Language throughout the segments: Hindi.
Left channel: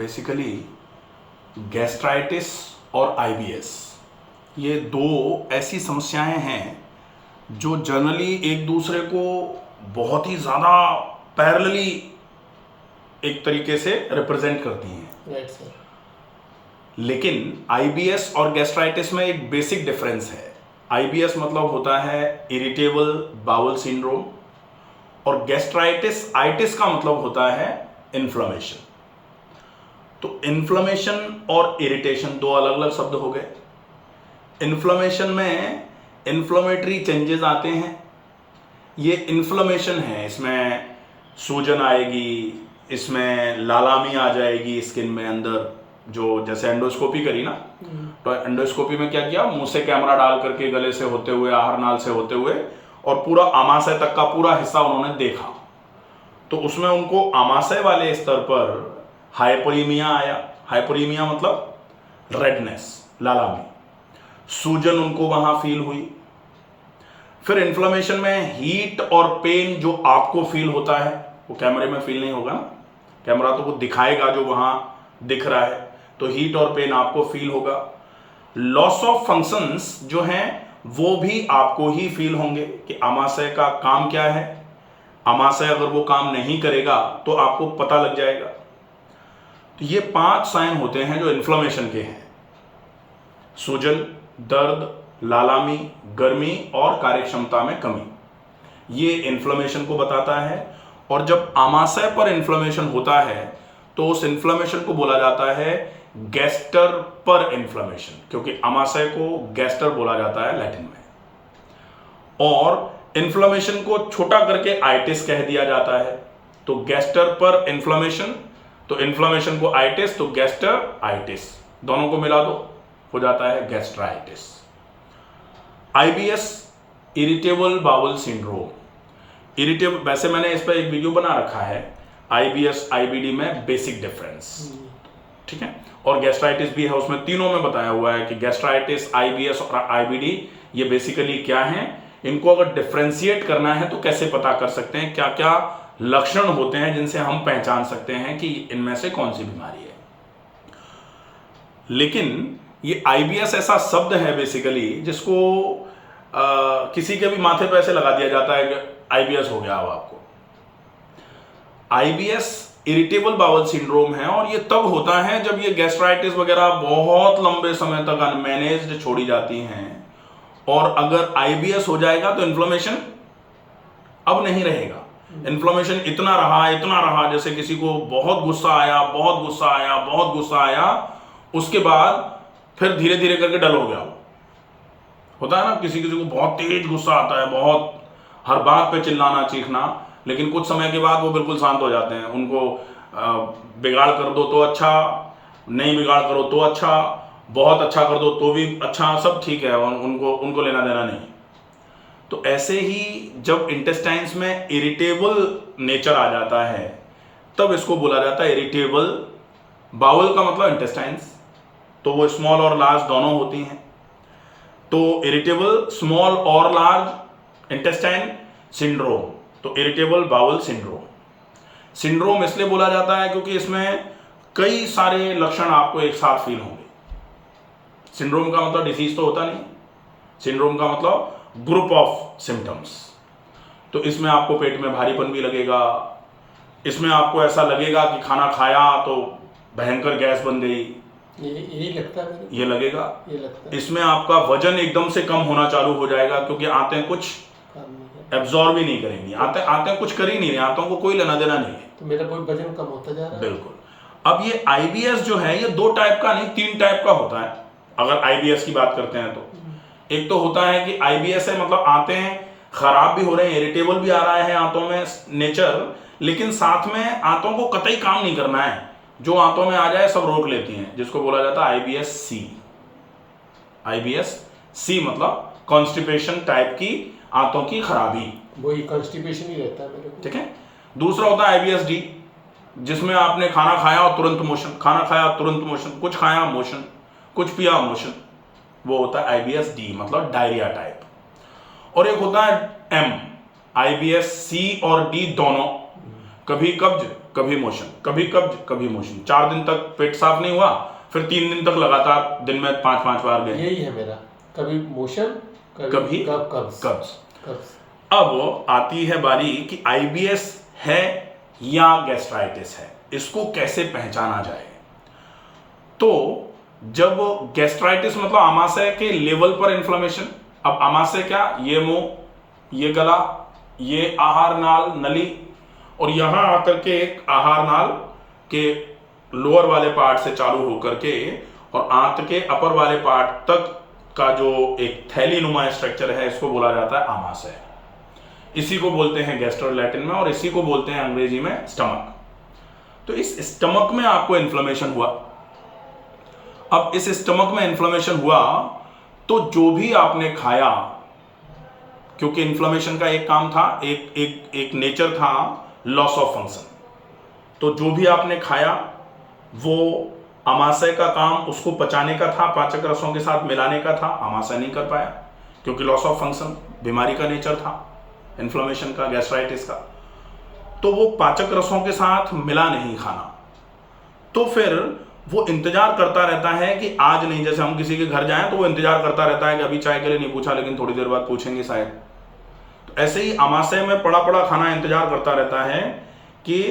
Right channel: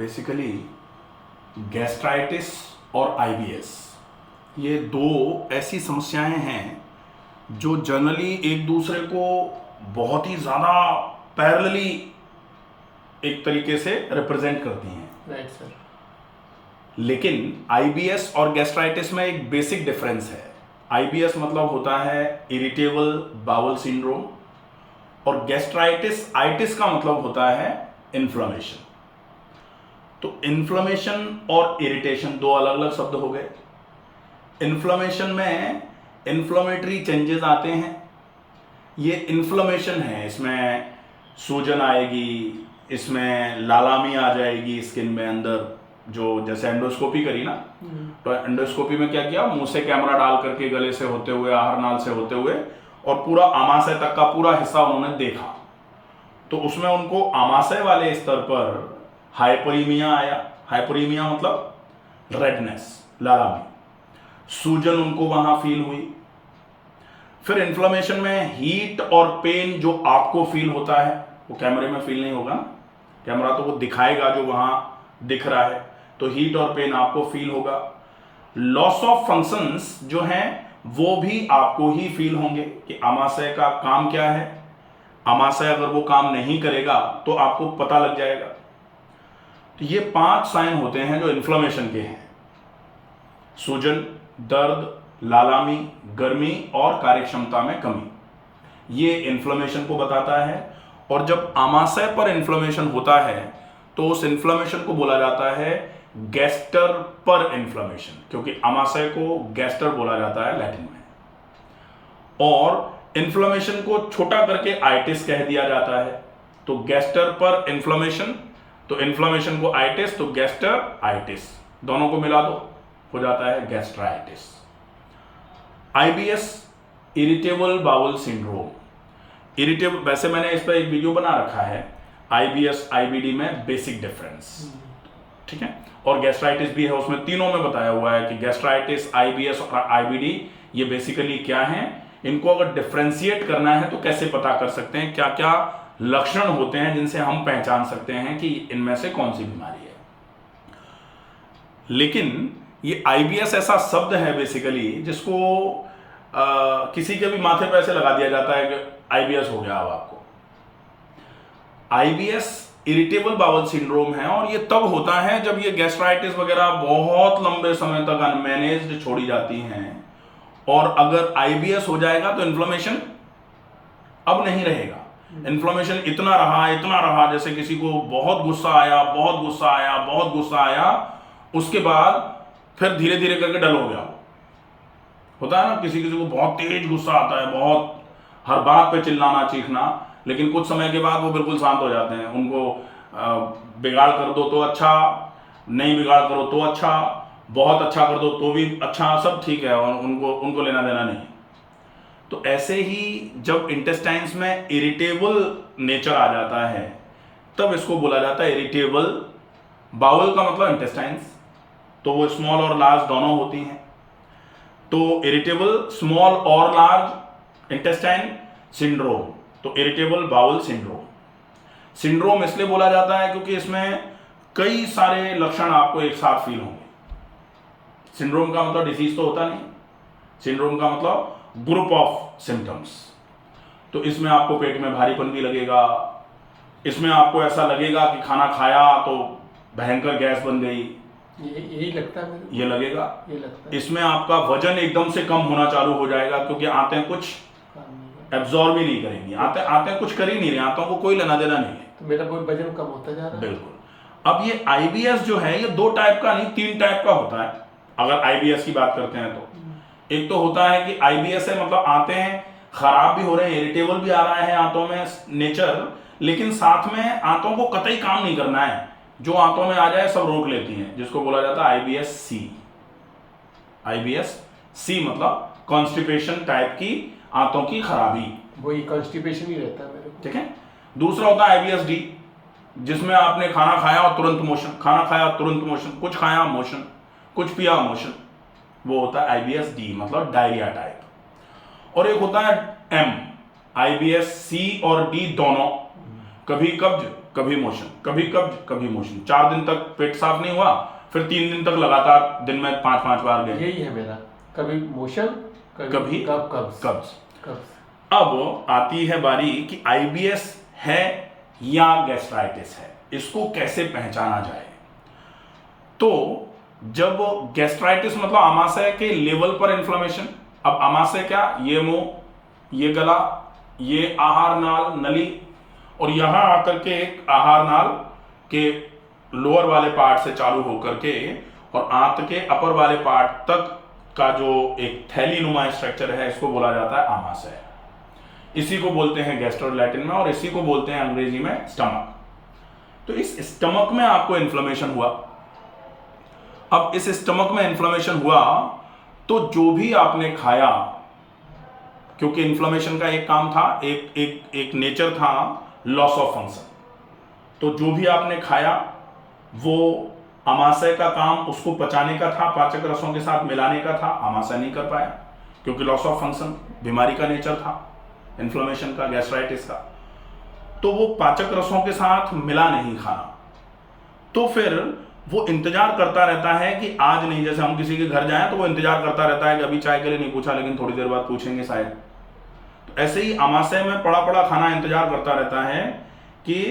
बेसिकली गैस्ट्राइटिस और आईबीएस ये दो ऐसी समस्याएं हैं जो जनरली एक दूसरे को बहुत ही ज़्यादा पैरेलली एक तरीके से रिप्रेजेंट करती हैं। Right sir. लेकिन आईबीएस और गैस्ट्राइटिस में एक बेसिक डिफरेंस है। आईबीएस मतलब होता है इरिटेबल बाउल सिंड्रोम और गैस्ट्राइटिस आइटिस का मतलब होता है इन्फ्लेमेशन। तो इन्फ्लेमेशन और इरिटेशन दो अलग अलग शब्द हो गए। इन्फ्लेमेशन में इन्फ्लेमेटरी चेंजेस आते हैं, ये इन्फ्लेमेशन है, इसमें सूजन आएगी, इसमें लालामी आ जाएगी स्किन में अंदर। जो जैसे एंडोस्कोपी करी ना, तो एंडोस्कोपी में क्या किया, मुंह से कैमरा डाल करके गले से होते हुए आहार नाल से होते हुए और पूरा आमाशय तक का पूरा हिस्सा उन्होंने देखा। तो उसमें उनको आमाशय वाले स्तर पर हाइपोरीमिया आया। हाइपोरीमिया मतलब रेडनेस, लालामी, सूजन उनको वहां फील हुई। फिर इन्फ्लेमेशन में हीट और पेन जो आपको फील होता है वो कैमरे में फील नहीं होगा ना, कैमरा तो वो दिखाएगा जो वहां दिख रहा है, तो हीट और पेन आपको फील होगा। लॉस ऑफ फंक्शंस जो हैं वो भी आपको ही फील होंगे कि आमाशय का काम क्या है। आमाशय अगर वो काम नहीं करेगा तो आपको पता लग जाएगा। तो ये 5 साइन होते हैं जो इन्फ्लेमेशन के हैं: सूजन, दर्द, लालामी, गर्मी और कार्यक्षमता में कमी। ये इन्फ्लेमेशन को बताता है। और जब आमाशय पर इन्फ्लेमेशन होता है तो उस इन्फ्लेमेशन को बोला जाता है गैस्टर पर इन्फ्लेमेशन, क्योंकि आमाशय को गैस्टर बोला जाता है लैटिन में। और इन्फ्लेमेशन को छोटा करके आइटिस कह दिया जाता है। तो गैस्टर पर इन्फ्लेमेशन, तो इन्फ्लेमेशन को आइटिस, तो गैस्टर आइटिस, दोनों को मिला दो हो जाता है gastritis. IBS irritable bowel syndrome. Irritable, वैसे मैंने इस पर एक वीडियो बना रखा है, आईबीएस आईबीडी में बेसिक डिफरेंस, ठीक है, और गैस्ट्राइटिस भी है, उसमें तीनों में बताया हुआ है कि गैस्ट्राइटिस, आईबीएस और आईबीडी ये बेसिकली क्या हैं। इनको अगर डिफ्रेंशिएट करना है तो कैसे पता कर सकते हैं, क्या क्या लक्षण होते हैं जिनसे हम पहचान सकते हैं कि इनमें से कौन सी बीमारी है। लेकिन ये आईबीएस ऐसा शब्द है बेसिकली जिसको किसी के भी माथे पे ऐसे लगा दिया जाता है कि आईबीएस हो गया। अब आपको आईबीएस इरिटेबल बाउल सिंड्रोम है और ये तब होता है जब ये गैस्ट्राइटिस वगैरह बहुत लंबे समय तक अनमैनेज्ड छोड़ी जाती हैं। और अगर आईबीएस हो जाएगा तो इन्फ्लेमेशन अब नहीं रहेगा। इन्फ्लेमेशन इतना रहा जैसे किसी को बहुत गुस्सा आया, बहुत गुस्सा आया, बहुत गुस्सा आया, उसके बाद फिर धीरे धीरे करके डल हो गया। होता है ना, किसी किसी को बहुत तेज गुस्सा आता है, बहुत हर बात पे चिल्लाना चीखना, लेकिन कुछ समय के बाद वो बिल्कुल शांत हो जाते हैं। उनको बिगाड़ कर दो तो अच्छा, नहीं बिगाड़ करो तो अच्छा, बहुत अच्छा कर दो तो भी अच्छा, सब ठीक है, उनको लेना देना नहीं। तो ऐसे ही जब इंटेस्टाइन्स में इरिटेबल नेचर आ जाता है तब इसको बोला जाता है इरिटेबल बाउल का मतलब इंटेस्टाइन्स, तो वो स्मॉल और लार्ज दोनों होती हैं। तो इरिटेबल स्मॉल और लार्ज इंटेस्टाइन सिंड्रोम, तो इरिटेबल बाउल सिंड्रोम। सिंड्रोम इसलिए बोला जाता है क्योंकि इसमें कई सारे लक्षण आपको एक साथ फील होंगे। सिंड्रोम का मतलब डिसीज तो होता नहीं, सिंड्रोम का मतलब ग्रुप ऑफ सिम्टम्स। तो इसमें आपको पेट में भारीपन भी लगेगा, इसमें आपको ऐसा लगेगा कि खाना खाया तो भयंकर गैस बन गई, यही लगता है, ये लगेगा। ये लगता है। इसमें आपका वजन एकदम से कम होना चालू हो जाएगा क्योंकि आंतें कुछ एब्जॉर्ब ही नहीं करेंगी, आंतें कुछ कर ही नहीं रही, आंतों को कोई लेना देना नहीं है, तो मेरा वजन कम होता जा रहा है। बिल्कुल। अब ये आईबीएस जो है ये 2 टाइप का नहीं 3 टाइप का होता है। अगर आईबीएस की बात करते हैं तो एक तो होता है कि आईबीएस है मतलब आंतें खराब भी हो रहे हैं, इरिटेबल भी आ रहा है आंतों में नेचर, लेकिन साथ में आंतों को कतई काम नहीं करना है, जो आंतों में आ जाए सब रोक लेती हैं, जिसको बोला जाता है आईबीएस सी। आईबीएस सी मतलब कॉन्स्टिपेशन टाइप की आंतों की खराबी, वही कॉन्स्टिपेशन ही रहता है मेरे को, ठीक है। दूसरा होता है आईबीएस डी, जिसमें आपने खाना खाया और तुरंत मोशन, खाना खाया तुरंत मोशन, कुछ खाया मोशन, कुछ पिया मोशन, वो होता है आईबीएस डी मतलब डायरिया टाइप। और एक होता है एम, आईबीएस सी और डी दोनों कभी कब्ज कभी मोशन, कभी कब्ज कभी मोशन, 4 दिन तक पेट साफ नहीं हुआ, फिर 3 दिन तक लगातार दिन में 5-5 बार गए। यही है मेरा, कभी मोशन कभी कब्ज। कब्ज। अब आती है बारी कि आईबीएस है या गैस्ट्राइटिस है, इसको कैसे पहचाना जाए। तो जब गैस्ट्राइटिस मतलब आमाशय के लेवल पर इन्फ्लेमेशन, अब आमाशय क्या, ये मुंह, ये गला, ये आहार नाल नली, और यहां आकर के एक आहार नाल के लोअर वाले पार्ट से चालू होकर के और आंत के अपर वाले पार्ट तक का जो एक थैली नुमा स्ट्रक्चर है, इसको बोला जाता है आमाशय। इसी को बोलते हैं गैस्ट्रो लैटिन में, और इसी को बोलते हैं अंग्रेजी में स्टमक। तो इस स्टमक में आपको इन्फ्लेमेशन हुआ। अब इस स्टमक में इन्फ्लेमेशन हुआ तो जो भी आपने खाया, क्योंकि इन्फ्लेमेशन का एक काम था, एक नेचर था लॉस ऑफ फंक्शन, तो जो भी आपने खाया वो आमाशय का काम उसको पचाने का था, पाचक रसों के साथ मिलाने का था, आमाशय नहीं कर पाया क्योंकि लॉस ऑफ फंक्शन बीमारी का नेचर था, इन्फ्लेमेशन का, गैस्ट्राइटिस का। तो वो पाचक रसों के साथ मिला नहीं खाना, तो फिर वो इंतजार करता रहता है कि आज नहीं, जैसे हम किसी के घर जाएं तो वो इंतजार करता रहता है कि अभी चाय के लिए नहीं पूछा, लेकिन थोड़ी देर बाद पूछेंगे शायद। तो ऐसे ही आमाशय में पड़ा पड़ा खाना इंतजार करता रहता है कि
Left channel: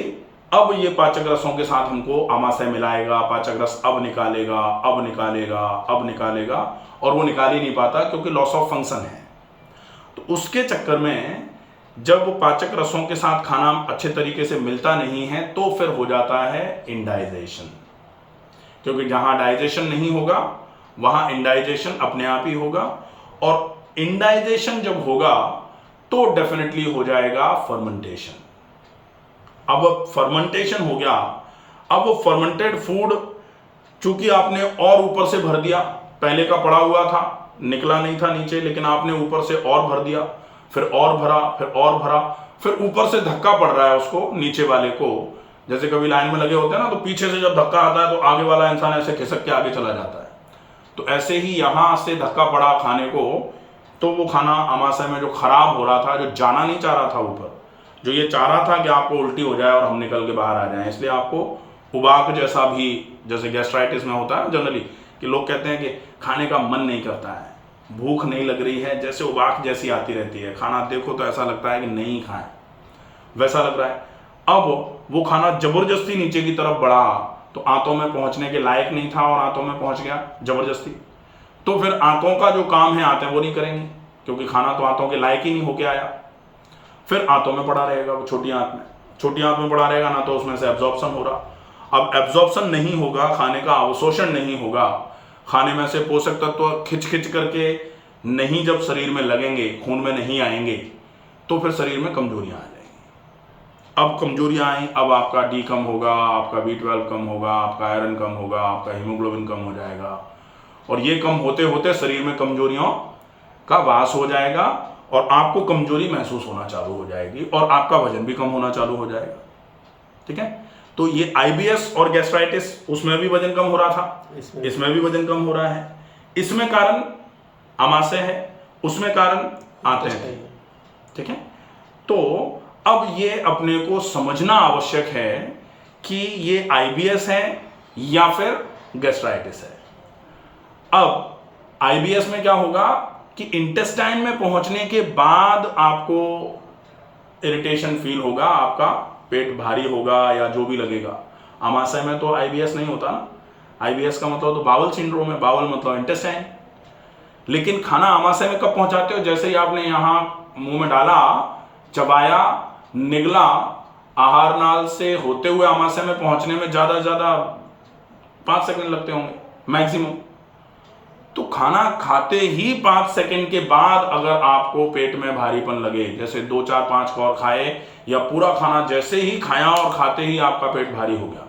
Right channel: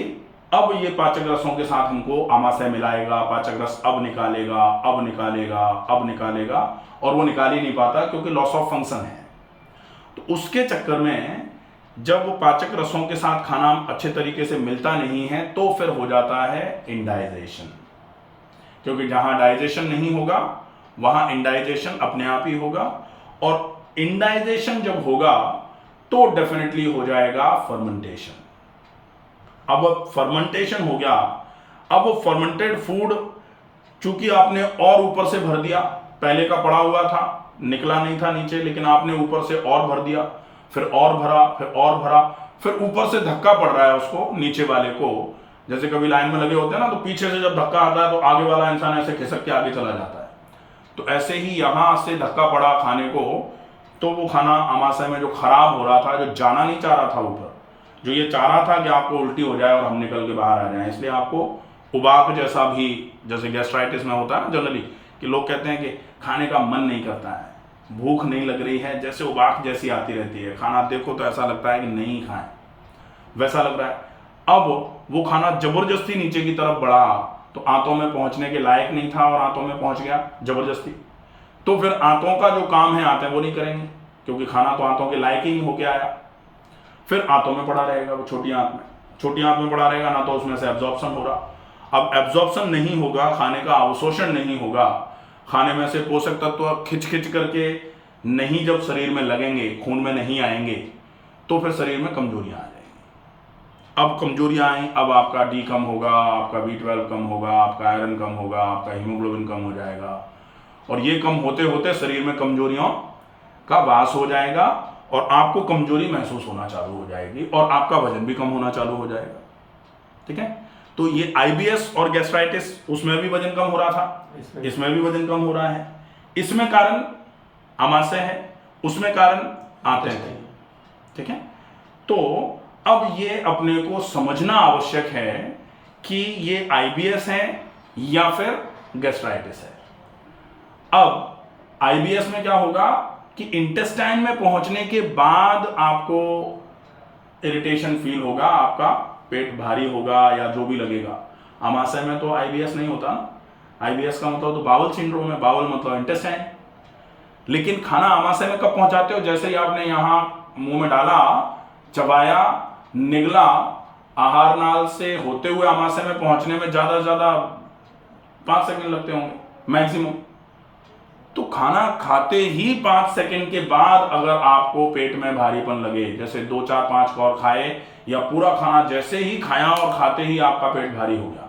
अब ये पाचक रसों के साथ हमको आमाशय मिलाएगा, पाचक रस अब निकालेगा, अब निकालेगा, अब निकालेगा, और वो निकाल ही नहीं पाता क्योंकि लॉस ऑफ फंक्शन है। तो उसके चक्कर में जब पाचक रसों के साथ खाना अच्छे तरीके से मिलता नहीं है तो फिर हो जाता है इंडाइजेशन, क्योंकि जहां डाइजेशन नहीं होगा वहां इंडाइजेशन अपने आप ही होगा, और इंडाइजेशन जब होगा तो डेफिनेटली हो जाएगा फर्मेंटेशन। अब फर्मेंटेशन हो गया, अब वो फर्मेंटेड फूड चूंकि आपने और ऊपर से भर दिया, पहले का पड़ा हुआ था, निकला नहीं था नीचे, लेकिन आपने ऊपर से और भर दिया, फिर और भरा, फिर और भरा, फिर ऊपर से धक्का पड़ रहा है उसको, नीचे वाले को। जैसे कभी लाइन में लगे होते हैं ना, तो पीछे से जब धक्का आता है तो आगे वाला इंसान ऐसे खिसक के आगे चला जाता है। तो ऐसे ही यहां से धक्का पड़ा खाने को, तो वो खाना आमाशय में जो खराब हो रहा था, जो जाना नहीं चाह रहा था ऊपर, जो ये चाह रहा था कि आपको उल्टी हो जाए और हम निकल के बाहर आ जाएं, इसलिए आपको उबाक जैसा भी, जैसे गैस्ट्राइटिस में होता है ना जनरली, कि लोग कहते हैं कि खाने का मन नहीं करता है, भूख नहीं लग रही है, जैसे उबाक जैसी आती रहती है, खाना देखो तो ऐसा लगता है कि नहीं खाएं, वैसा लग रहा है। अब वो खाना जबरदस्ती नीचे की तरफ बढ़ा तो आंतों में पहुंचने के लायक नहीं था और आंतों में पहुंच गया जबरदस्ती, तो फिर आंतों का जो काम है आंतें वो नहीं करेंगी, क्योंकि खाना तो आंतों के लायक ही नहीं होके आया। फिर आंतों में पड़ा रहेगा, वो छोटी आंत में पड़ा रहेगा, ना तो उसमें से एब्जॉर्प्शन हो रहा। अब एब्जॉर्प्शन नहीं होगा, खाने का अवशोषण नहीं होगा, खाने में से पोषक तत्व खिंच खिंच करके नहीं जब शरीर में लगेंगे, खून में नहीं आएंगे, तो फिर शरीर में कमजोरियां आ जाएंगी। अब कमजोरियां आई, अब आपका डी कम होगा, आपका B12 कम होगा, आपका आयरन कम होगा, आपका हीमोग्लोबिन कम हो जाएगा, और ये कम होते होते शरीर में कमजोरियों का वास हो जाएगा और आपको कमजोरी महसूस होना चालू हो जाएगी और आपका वजन भी कम होना चालू हो जाएगा। ठीक है, तो ये आईबीएस और गैस्ट्राइटिस, उसमें भी वजन कम हो रहा था, इसमें भी वजन कम हो रहा है। इसमें कारण आमाशय है, उसमें कारण आंतें थे। ठीक है, तो अब ये अपने को समझना आवश्यक है कि ये आईबीएस है या फिर गैस्ट्राइटिस है। अब आईबीएस में क्या होगा कि इंटेस्टाइन में पहुंचने के बाद आपको इरिटेशन फील होगा, आपका पेट भारी होगा या जो भी लगेगा। आमाशय में तो आईबीएस नहीं होता ना, आईबीएस का मतलब तो बाउल सिंड्रोम है, बाउल मतलब इंटेस्टाइन। लेकिन खाना आमाशय में कब पहुंचाते हो? जैसे ही आपने यहां मुंह में डाला, चबाया, निगला, आहार नाल से होते हुए आमाशय में पहुंचने में ज्यादा से ज्यादा 5 सेकंड लगते होंगे मैक्सिमम। तो खाना खाते ही 5 सेकंड के बाद अगर आपको पेट में भारीपन लगे, जैसे 2 4 5 कौर खाए या पूरा खाना जैसे ही खाया और खाते ही आपका पेट भारी हो गया,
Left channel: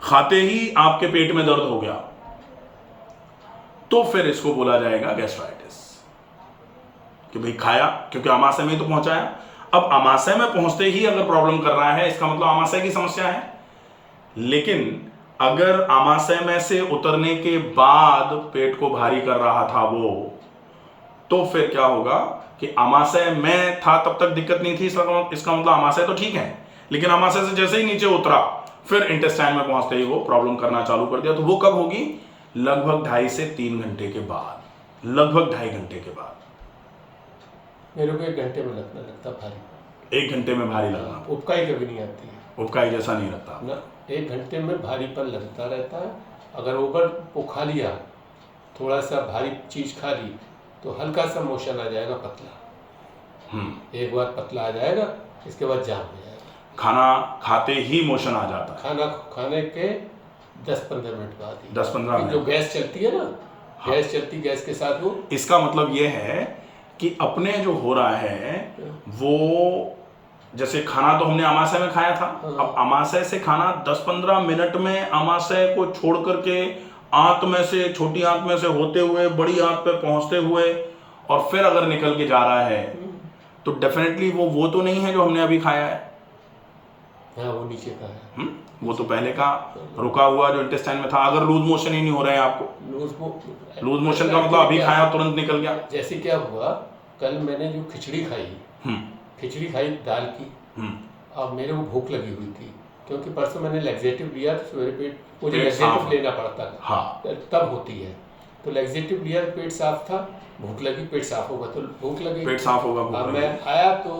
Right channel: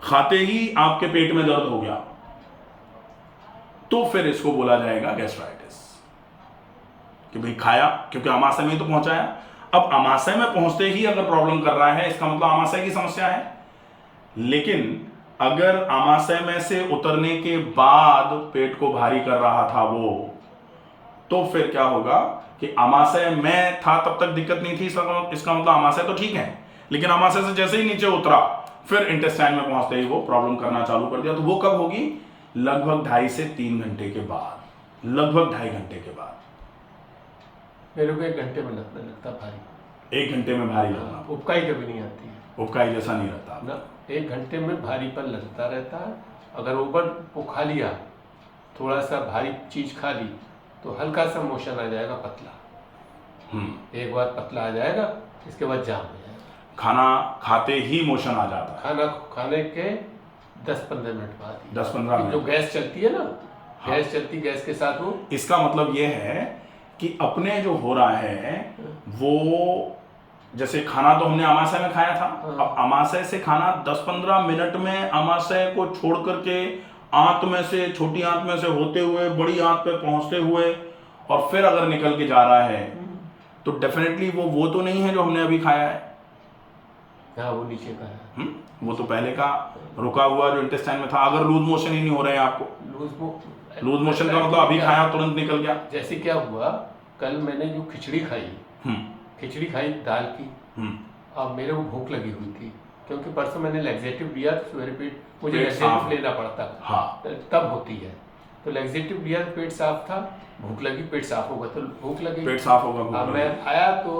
खाते ही आपके पेट में दर्द हो गया, तो फिर इसको बोला जाएगा गैस्ट्राइटिस, कि भाई खाया, क्योंकि आमाशय में ही तो पहुंचाया। अब आमाशय में पहुंचते ही अगर प्रॉब्लम कर रहा है, इसका मतलब आमाशय की समस्या है। लेकिन अगर आमाशय में से उतरने के बाद पेट को भारी कर रहा था वो, तो फिर क्या होगा कि अमाशय में था तब तक दिक्कत नहीं थी, इसका मतलब अमाशय तो ठीक है, लेकिन अमाशय से जैसे ही नीचे उतरा फिर इंटेस्टाइन में पहुंचते ही वो प्रॉब्लम करना चालू कर दिया। तो वो कब होगी? लगभग 2.5 से 3 घंटे के बाद, लगभग 2.5 घंटे के बाद। मेरे को 1 घंटे में लगता भारी। 1 घंटे में भारी लगना, उबकाई कभी नहीं आती है, उबकाई जैसा नहीं लगता ना। 1 घंटे में भारीपन लगता रहता है। अगर ऊपर वो खा लिया, थोड़ा सा भारी चीज खा ली, तो हल्का सा मोशन आ जाएगा पतला। एक बार पतला आ जाएगा, इसके बाद जाम हो जाएगा। खाना खाते ही मोशन आ जाता है? खाना खाने के 10-15 मिनट बाद ही। 10-15 मिनट जो गैस चलती है ना, गैस चलती, गैस के साथ वो। इसका मतलब ये है कि अपने जो हो रहा है वो, जैसे खाना तो हमने अमाशय में खाया था, अब अमाशय से खाना 10-15 मिनट में अमाशय को छोड़ करके आंत में से, छोटी आंत में से होते हुए बड़ी आंत पे पहुंचते हुए और फिर अगर निकल के जा रहा है तो डेफिनेटली वो तो नहीं है जो हमने अभी खाया है। हाँ, वो नीचे का है। वो तो पहले का रुका हुआ जो इंटेस्टाइन में था। अगर लूज मोशन ही नहीं हो रहे हैं आपको, लूज मोशन का मतलब अभी खाया तुरंत निकल गया। जैसे क्या हुआ, कल मैंने जो खिचड़ी खाई दाल की, अब मेरे को भूख लगी हुई थी, क्योंकि परसों मैंने लैक्सेटिव लिया, सवेरे पेट मुझे लैक्सेटिव लेना पड़ता था। हाँ। तब होती है, तो लैक्सेटिव लिया, पेट साफ था, भूख लगी, पेट साफ होगा तो भूख लगी, पेट साफ होगा, भूख अब लगी। मैं आया तो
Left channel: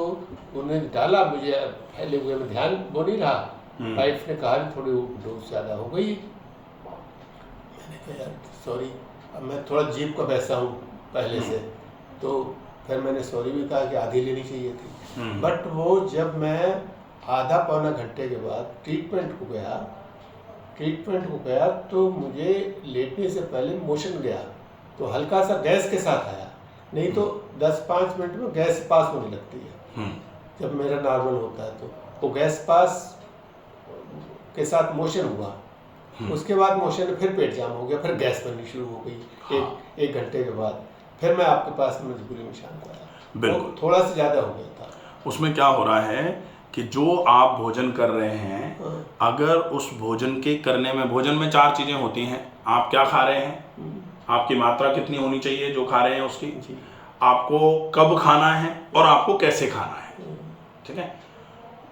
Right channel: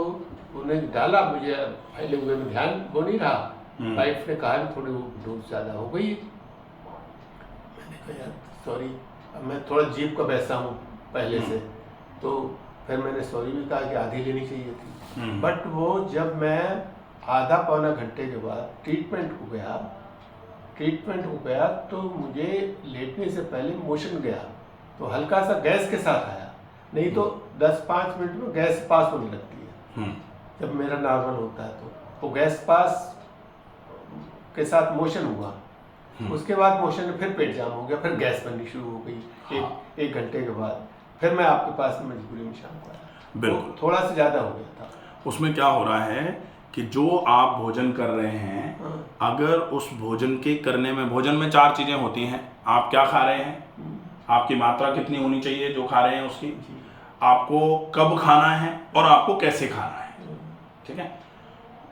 उन्हें डाला, मुझे फैले हुए में ध्यान वो नहीं रहा। वाइफ ने कहा थोड़ी डोज ज़्यादा हो गई। मैंने कहा यार सॉरी, अब मैं थोड़ा जीभ का वैसा हूँ पहले से, तो फिर मैंने सॉरी भी कहा कि आधी लेनी चाहिए थी। बट वो जब मैं आधा पौना घंटे के बाद ट्रीटमेंट को गया तो मुझे लेटने से पहले मोशन गया, तो हल्का सा गैस के साथ आया, नहीं तो 10-5 मिनट में गैस पास होने लगती है जब मेरा नॉर्मल होता है। तो वो गैस पास के साथ मोशन हुआ, उसके बाद मोशन फिर पेट जाम हो गया, फिर गैस बननी शुरू हो गई। एक घंटे के बाद फिर मैं आपके पास मजबूरी में शाम को आया। बिल्कुल, थोड़ा सा ज़्यादा हो गया था। उसमें क्या हो रहा है कि जो आप भोजन कर रहे हैं, अगर उस भोजन के करने में, भोजन में 4 चीज़ें होती हैं। आप क्या खा रहे हैं, आपकी मात्रा कितनी होनी चाहिए जो खा रहे हैं उसकी, आपको कब खाना है और आपको कैसे खाना है, ठीक है।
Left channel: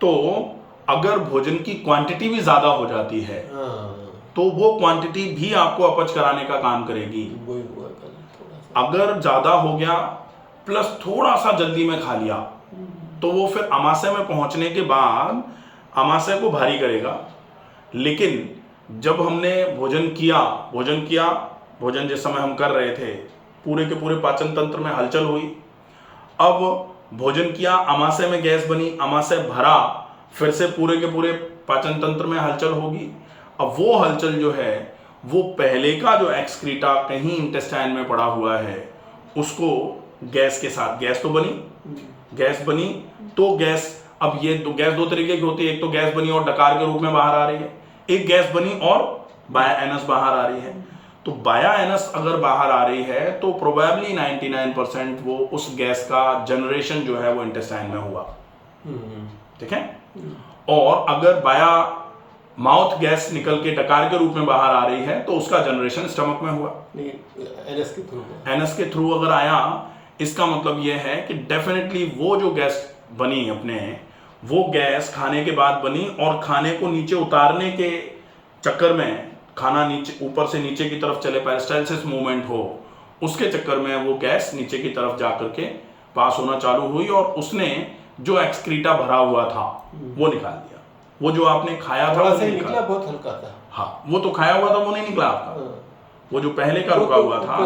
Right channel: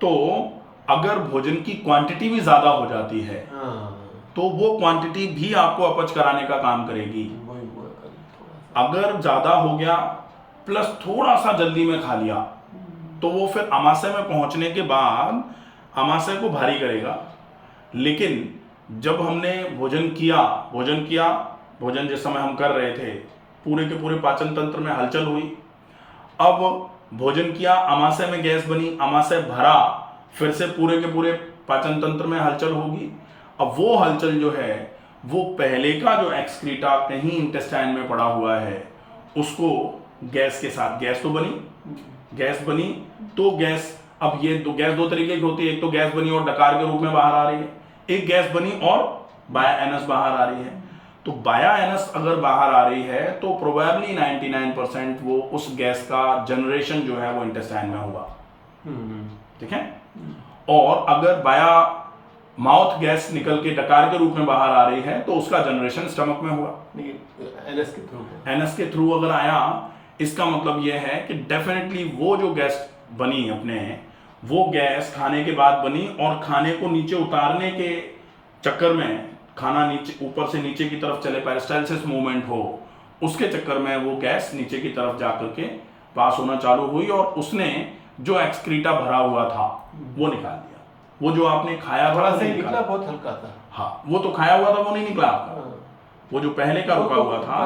तो अगर भोजन की क्वांटिटी भी ज़्यादा हो जाती है तो वो क्वांटिटी भी आपको अपच कराने का काम करेगी। अगर ज़्यादा हो गया प्लस थोड़ा सा जल्दी में खा लिया तो वो फिर अमाशय में पहुंचने के बाद अमाशय को भारी करेगा। लेकिन जब हमने भोजन किया, भोजन जिस समय हम कर रहे थे, पूरे के पूरे पाचन तंत्र में हलचल हुई। अब भोजन किया, अमाशय में गैस बनी, अमाशय भरा, फिर से पूरे के पूरे पाचन तंत्र में हलचल होगी। अब वो हलचल जो है वो पहले का जो एक्सक्रीटा कहीं इंटेस्टाइन में पड़ा हुआ है उसको गैस के साथ, गैस बनी तो गैस, अब ये गैस 2 तरीके की होती है, एक तो गैस बनी और डकार के रूप में बाहर आ रही है, एक गैस बनी और बाया एनस बाहर आ रही है। तो बाया एनस अगर बाहर आ रही है तो प्रोबेबली 99% वो उस गैस का जनरेशन जो है वो इंटेस्टाइन में हुआ, ठीक है। और अगर बाया माउथ गैस निकल के डकार के रूप में बाहर आ रही है तो उसका जनरेशन स्टमक में हुआ, एनस के थ्रू अगर आया। इसका मतलब यह है कि डेफिनेटली वो जो गैस बनी अपने, वो गैस खाने के बाद बनी और खाने को नीचे उतारने के चक्कर में, खाना नीचे ऊपर से नीचे की तरफ चले, पेरिस्टाल्सिस मूवमेंट हो, उसके चक्कर में वो गैस नीचे की तरफ जा करके पास होना चालू हुई और उसने जो एक्सक्रीटा भरा हुआ था वो निकाल दिया। वो जो आपने खाया था वो निकला, बहुत हल्का था। हाँ, वो तो खाया हुआ था वो नहीं निकला आपका, वो जो पहले का रुका हुआ था,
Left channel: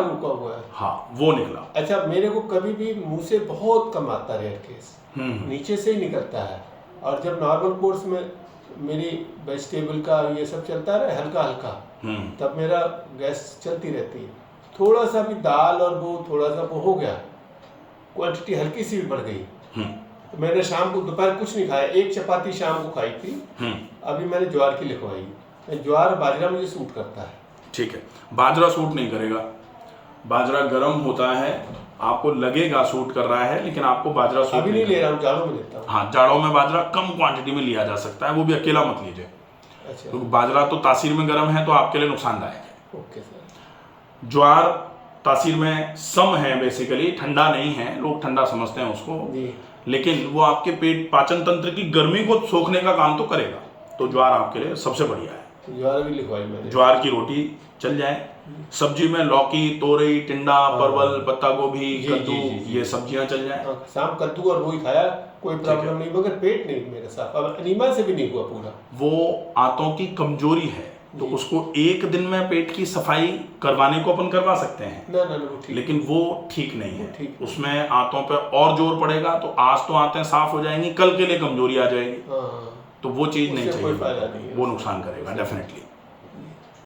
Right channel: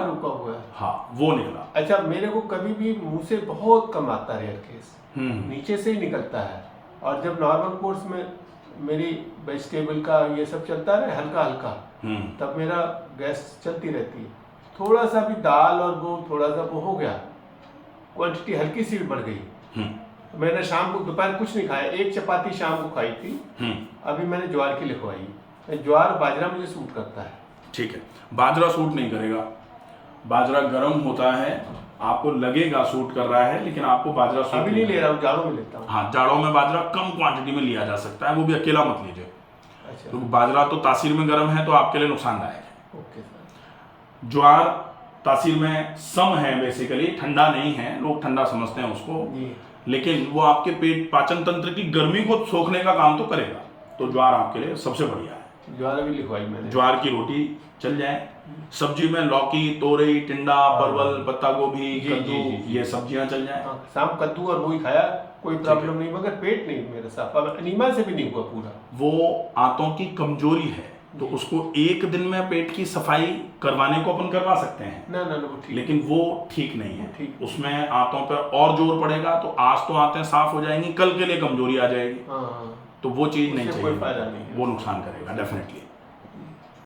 हाँ, वो निकला। अच्छा, मेरे को कभी भी मुंह से बहुत कम आता है, रेयर केस नीचे से ही निकलता है। और जब नॉर्मल कोर्स में मेरी वेजिटेबल का ये सब चलता है हल्का हल्का, तब मेरा गैस चलती रहती है। थोड़ा सा भी दाल और वो थोड़ा सा वो हो गया, क्वांटिटी हल्की सी भी बढ़ गई। तो मैंने शाम को, दोपहर कुछ नहीं खाया, 1 चपाती शाम को खाई थी। अभी मैंने ज्वार की लिखवाई। ज्वार बाजरा मुझे सूट करता है। ठीक है, बाजरा सूट नहीं करेगा, बाजरा गर्म होता है, आपको लगेगा सूट कर रहा है, लेकिन आपको बाजरा सूट अभी नहीं ले रहा हूँ, जाड़ों में लेता हूँ। हाँ, जाड़ों में बाजरा कम क्वांटिटी में लिया जा सकता है, वो भी अकेला मत लीजिए। अच्छा। क्योंकि बाजरा तो तासीर में गर्म है तो आपके लिए नुकसानदायक है। Okay sir. ज्वार तासीर में सम है, बेसिकली ठंडा नहीं है, लोग ठंडा समझते हैं उसको, जी। लेकिन वो आपके पेट पाचन तंत्र की गर्मी को सोखने का काम तो करेगा। तो ज्वार आपके लिए सबसे बढ़िया है। ज्वार भी लिखवाई मैंने। ज्वार की रोटी चल जाए। सब्जी में लौकी, तोरई, टिंडा, परवल, पत्ता गोभी, जी, कद्दू, जी, जी, जी। ये सब्जियां चल जाए। हाँ, शाम कद्दू और वही खाया, कोई ठीक प्रॉब्लम है। नहीं, मगर पेट नहीं मेरा साफ, अब अनीमिया से भी नहीं हुआ पूरा। वो आंतों की कमजोरी है, तो जी। उसको एक दिन में पेट की सफाई करवाने को अपन करवा सकते हैं, ना ना ना, वो ठीक। लेकिन वो ठीक नहीं है। ठीक। उसमें आंतों पे और जोर पड़ेगा, तो आज तो आंतें साफ हो जाएंगी, कल के लिए कमजोरी आ जाएगी, हाँ, तो वो चीज़ नहीं उससे चाहिए, कोई फायदा नहीं है। वो नुकसान करेगा डेफिनेटली।